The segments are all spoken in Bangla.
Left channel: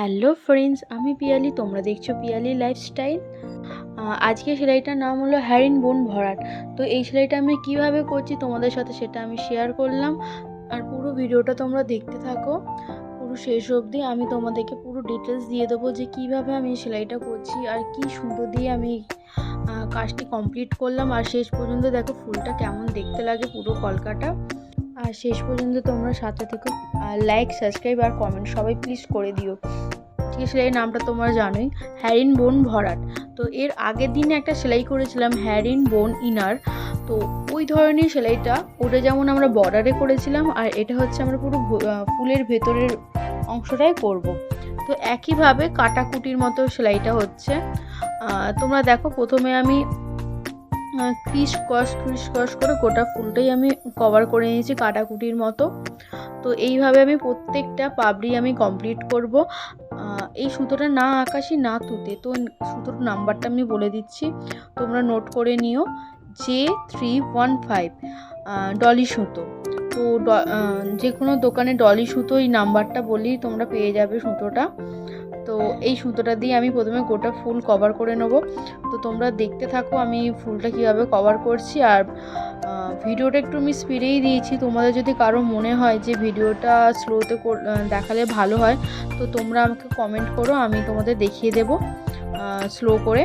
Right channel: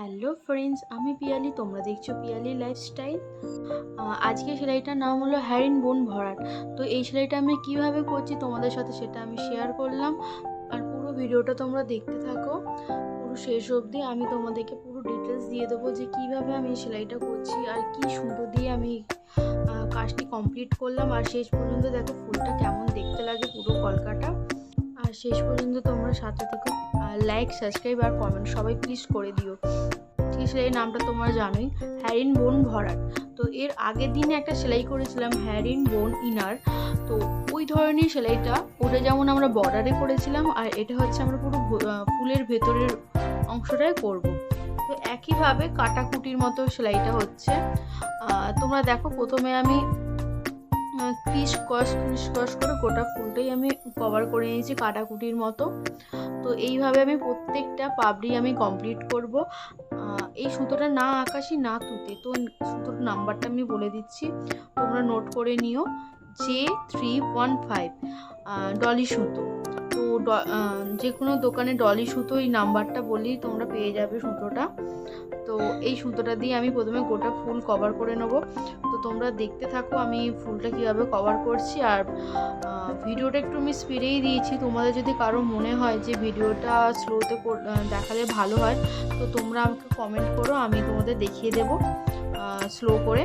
হ্যালো ফ্রেন্ডস, আমি পিয়ালি। তোমরা দেখছো পিয়ালি লাইফস্টাইল। আজকে সেলাইটার নাম হলো হ্যারিন বোন ভরাট। তো এই সেলাইটা আমি কিভাবে করছি তোমাদের সাথে সেটা আমি শেয়ার করলাম। আর পুরো ভিডিওটা তোমরা দেখতে থাকো পুরো শেষ অবধি। আমি তোমাদেরকে পুরো ডিটেলস দিয়ে দেবো যে কিভাবে আমি সেলাইটা করছি আর কি সুতো দিয়ে আমি কাজটি কমপ্লিট করলাম। আর শেষ পর্যন্ত দেখো ফুলটা কেমন দেখতে লাগে পুরো কলকাটা। আর শেষ পর্যন্ত তোমরা সাথে থেকে লাইক, সাবস্ক্রাইব আর কমেন্ট সবাই প্লিজ করে দিও। সেলাইয়ের নামটা তোমরা জানোই, হ্যারিন বোন ভরাট। তো এর আগের দিনে একটা সেলাই করেছিলাম হ্যারিন বোন ইনার। তো ওই ধরনের সেলাইটা, ওটা যেমন আমরা বর্ডারে করেছিলাম, আর এটা হচ্ছে আমরা পুরো ফুলের ভেতরের অংশটাই করব। তো একইভাবে কাটাকুটির মতো সেলাইটা হচ্ছে। তোমরা দেখো, প্রথমে আমি ক্রিস ক্রস করে গোটা ফুলটাই আমি কভার করে নিয়েছি কাটাকুটির মতো। তো এইভাবে আমি প্রত্যেকটা পাপড়ি আমি কমপ্লিট করব। এই সুতোটা না আকাশি না তুতে। তো সুতোর নাম্বারটা আমি বলে দিচ্ছি, তোমরা নোট করে নিও। J315 ডলি সুতো। তো যে কোনো দোকানে ডলি সুতো এই নাম্বারটা বলেই তোমরা পেয়ে যাবে সুতোটা। তো এই সুতোটা দিয়ে আমি প্রথমে গোটা ফুল কভার করে নেব। তো তোমরা দেখতে থাকো আমি ফুলটা কীভাবে কভার করছি। আর ভিডিওটা একটু আমি স্পিডেই দিয়েছি। তোমাদের যদি কারো মনে হয় যে ভিডিওটা স্লোতে দেখালে ভালো হয়, তো তোমরা আমাকে কমেন্ট করো, আমি তোমাদের দেখিয়ে দেবো স্লো করে।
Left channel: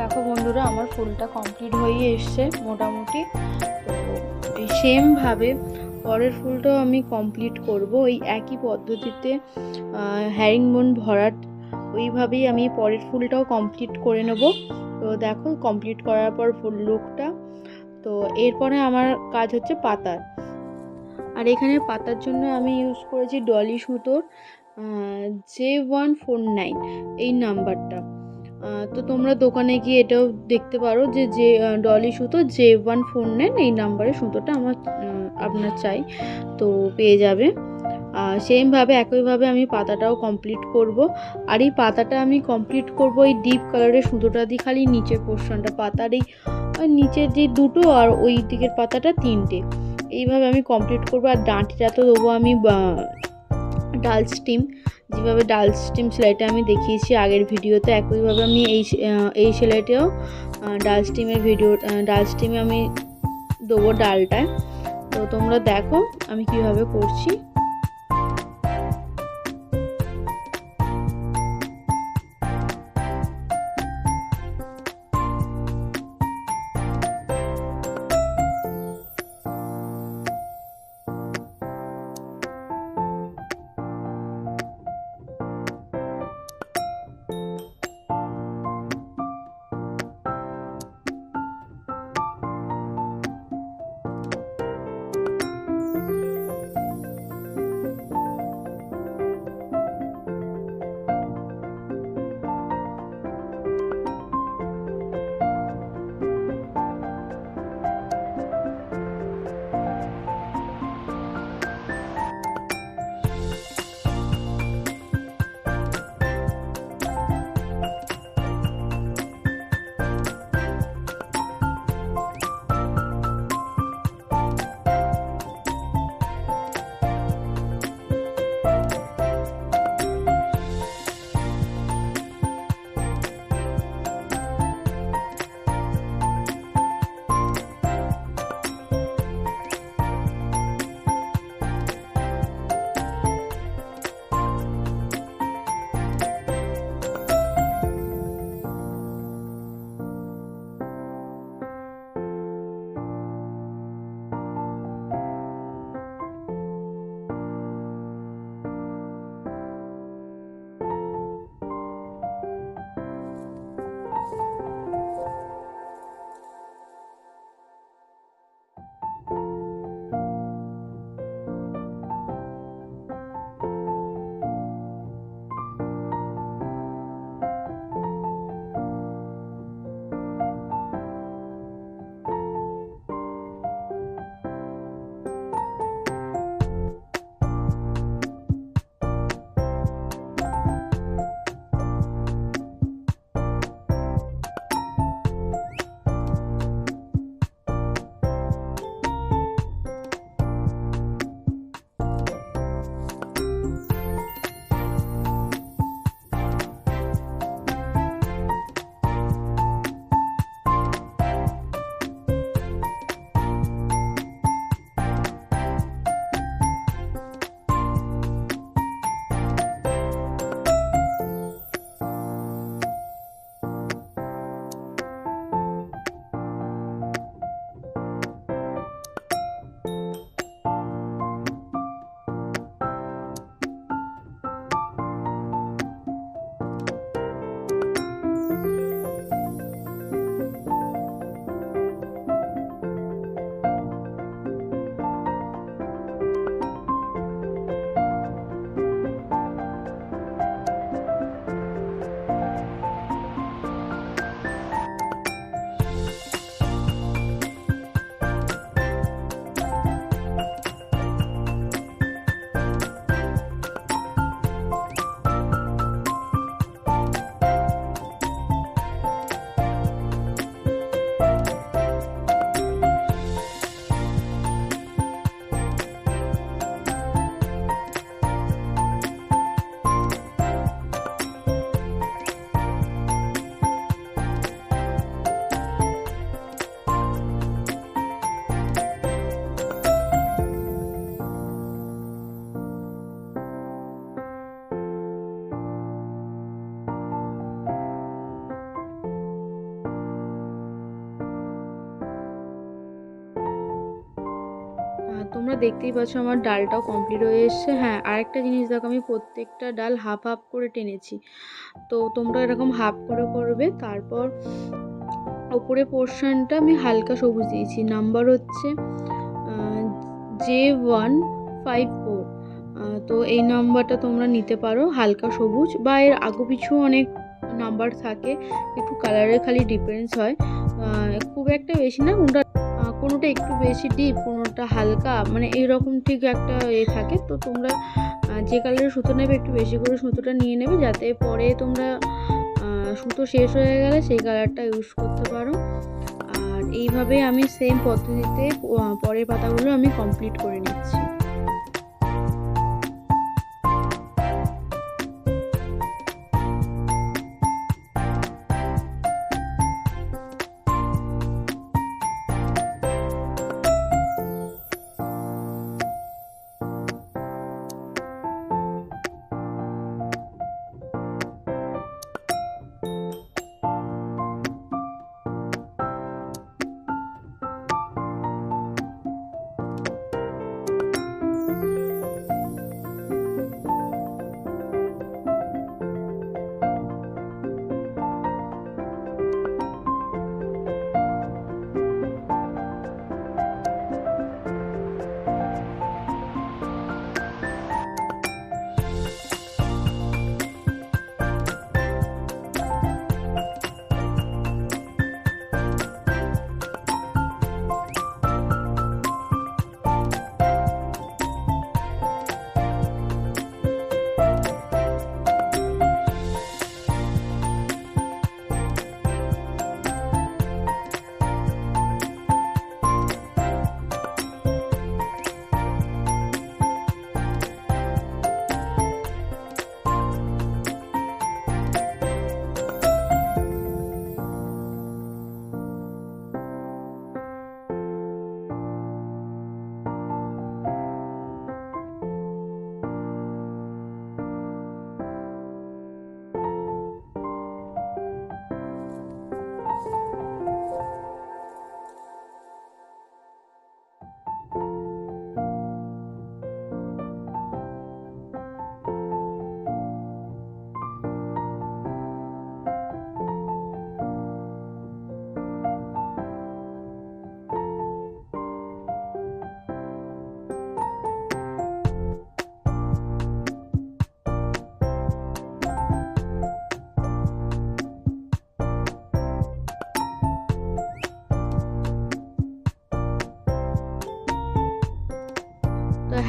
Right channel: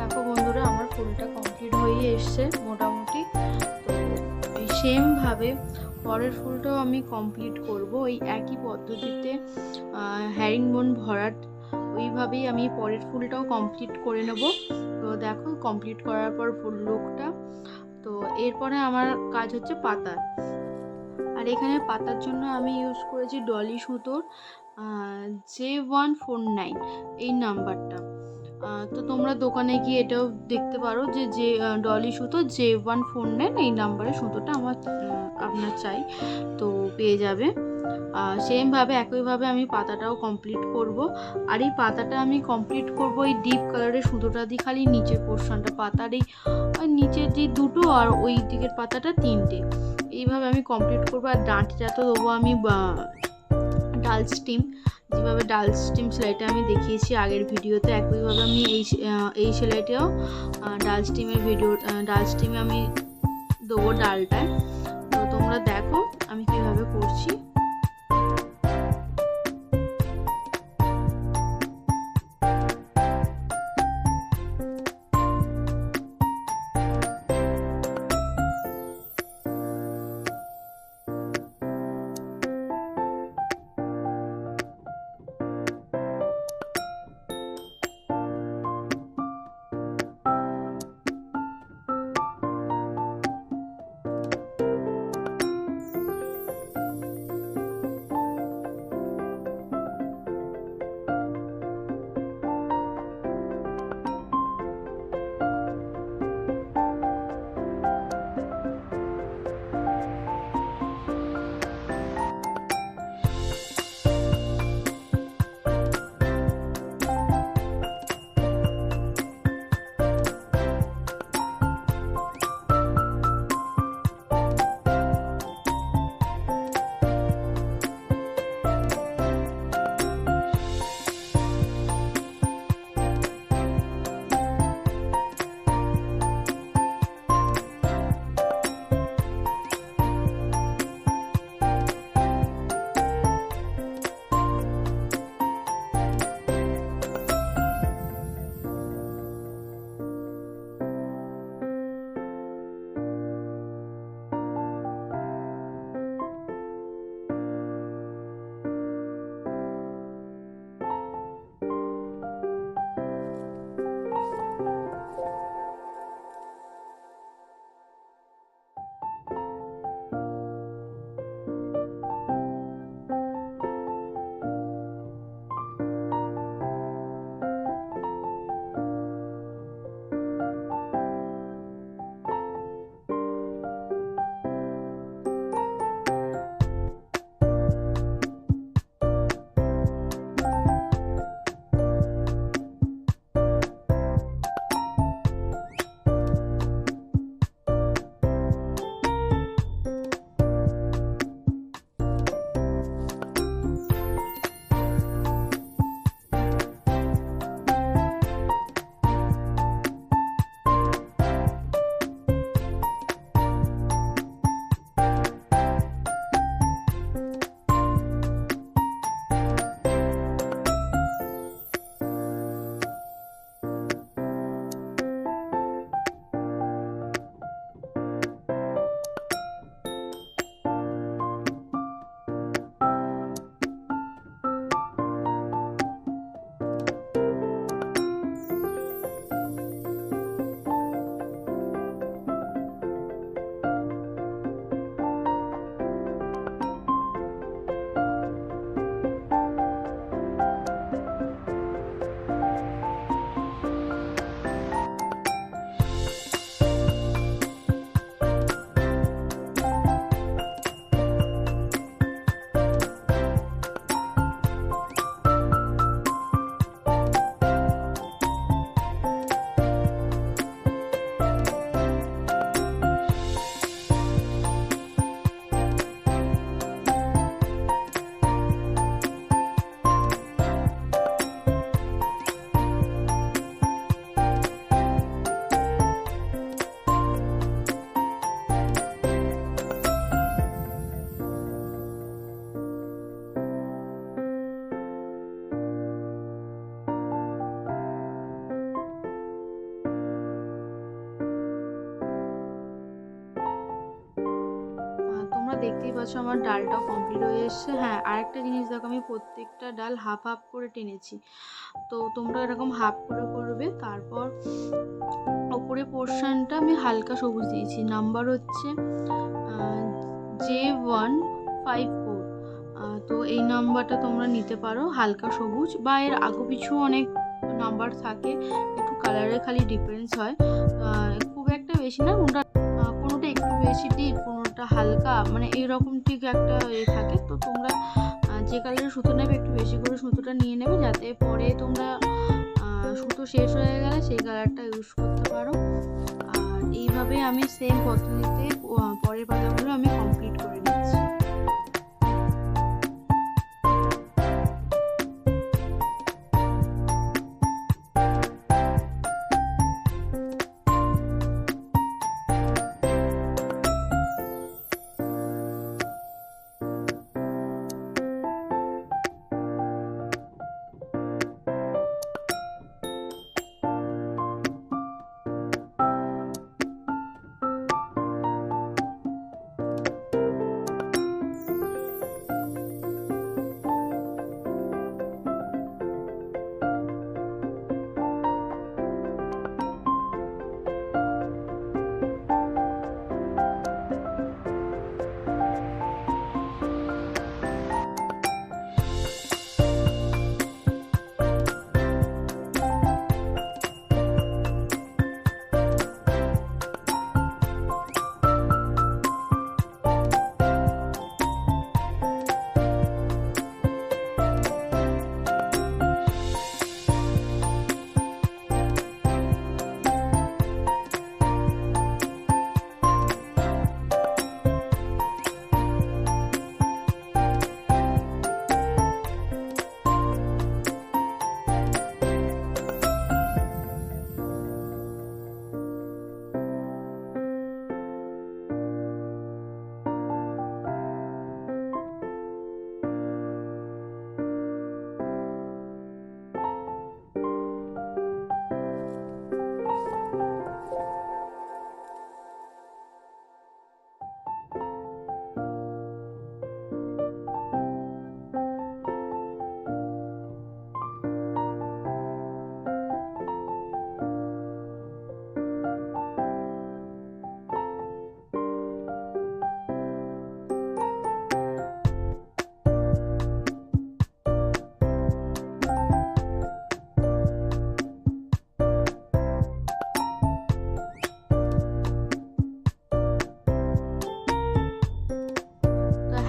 দেখো বন্ধুরা, আমার ফুলটা কমপ্লিট হয়ে এসছে মোটামুটি। তো এই সেমভাবে পরের ফুলটাও আমি কমপ্লিট করব ওই একই পদ্ধতিতে, হ্যারিং বোন ভরাট। ওইভাবেই আমি পরের ফুলটাও কমপ্লিট করে নেব। তো দেখো, কমপ্লিট করার পর ফুল লুকটা। তো এরপরে আমার কাজ হচ্ছে পাতার। আর এখানে পাতার জন্য আমি ইউজ করেছি ডলি সুতোর J149 এই নাম্বারটা। তো তোমরা দোকানে গিয়ে এটাও দেখতে পারো যে ডলি সুতো J149 এই নাম্বারে সুতোটা আপনার চাই, তো পেয়ে যাবে। সেমভাবে একইভাবে আমি পাতাটাও কমপ্লিট করব। আর এই পাতাটা আমি কমপ্লিট করব এই ডিপ কালারের সুতোটা দিয়ে, খালি নিচের পোর্শনটা, পাতার এই নিচের যে দুটো আর ওই দিকের পাতাটা তিনটে, এইভাবে আমি কমপ্লিট করব। আর ডাঁটিটা তো দেবো আমি ডাল স্টিম, যেভাবে ডাল স্টিম সেলাইটা আমি দেখিয়েছি আগের ভিডিওতে, একইভাবে আমি এই সেলাইটাও ডাল স্টিমে আমি দেবো ডালটায়। তো তোমরা দেখো আমি কিভাবে করছি। তোমরা দেখতেই পাচ্ছ আমার ডালটাও কমপ্লিট হয়ে এসছে। হ্যাঁ, আরেকটা জিনিস দেখো, আমি প্রত্যেকটা ডাল হাফ হাফ করে টেনেছি। তো তোমরা এরকম হাফ করে করবে। তারপর ওপরে পোর্শনটা আমি হালকা সবুজ দিয়েছি, নাম্বার হচ্ছে J154। তো এই নাম্বারটা তোমরা নিতে পারো, হালকা সবুজ, বা এর আগু পিছু অনেক নাম্বার থাকে, একটু কালারের খালি ডিফারেন্স হয়, খুব একটা বেশি না। কোনোটা একটু বেশি ডিপ, কোনোটা হালকা, মানে এইরকম ঠিক একটা থাকে। তো তোমরা যে কালারের সুতো নেবে একটু বেশি করে সুতোটা নিয়ে নেবে, যাতে পরে তোমরা সুতো শেষ হয়ে গেলে সেই কালারটা ইউজ করতে পারো। আর এইভাবে আমি সেম পদ্ধতিতে পরের পাতাগুলো আমি কমপ্লিট করে নিচ্ছি।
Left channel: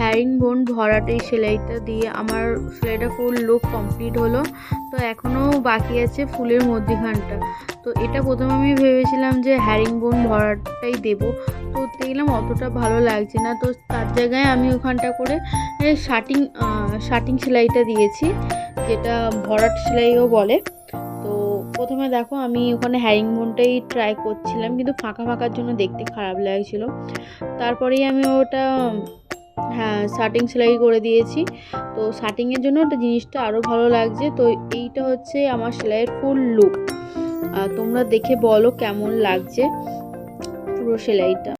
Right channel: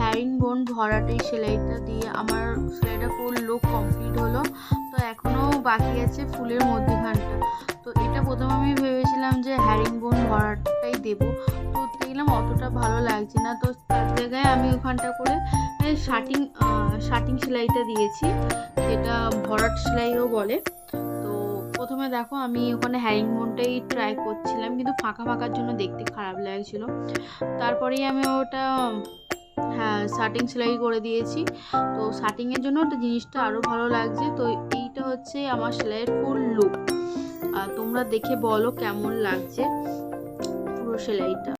হ্যারিং বোন ভরাট এই সেলাইটা দিয়ে আমার সেলাইটা ফুল লুক কমপ্লিট হলো। তো এখনও বাকি আছে ফুলের মধ্যিখানটা। তো এটা প্রথমে আমি ভেবেছিলাম যে হ্যারিং বোন ভরাটটাই দেবো, তো দেখলাম অতটা ভালো লাগছে না। তো তার জায়গায় আমি ওখানটা করে শার্টিং সেলাইটা দিয়েছি, যেটা ভরাট সেলাইও বলে। তো প্রথমে দেখো আমি ওখানে হ্যারিং বোনটাই ট্রাই করছিলাম, কিন্তু ফাঁকা ফাঁকার জন্য দেখতে খারাপ লাগছিল। তারপরেই আমি ওটা শার্টিং সেলাই করে দিয়েছি। তো শার্টিংয়ের জন্য একটা জিনিসটা আরও ভালো লাগছে। তো এইটা হচ্ছে আমার সেলাইয়ের ফুল লুক। তোমরা দেখে বলো কেমন লাগছে পুরো সেলাইটা।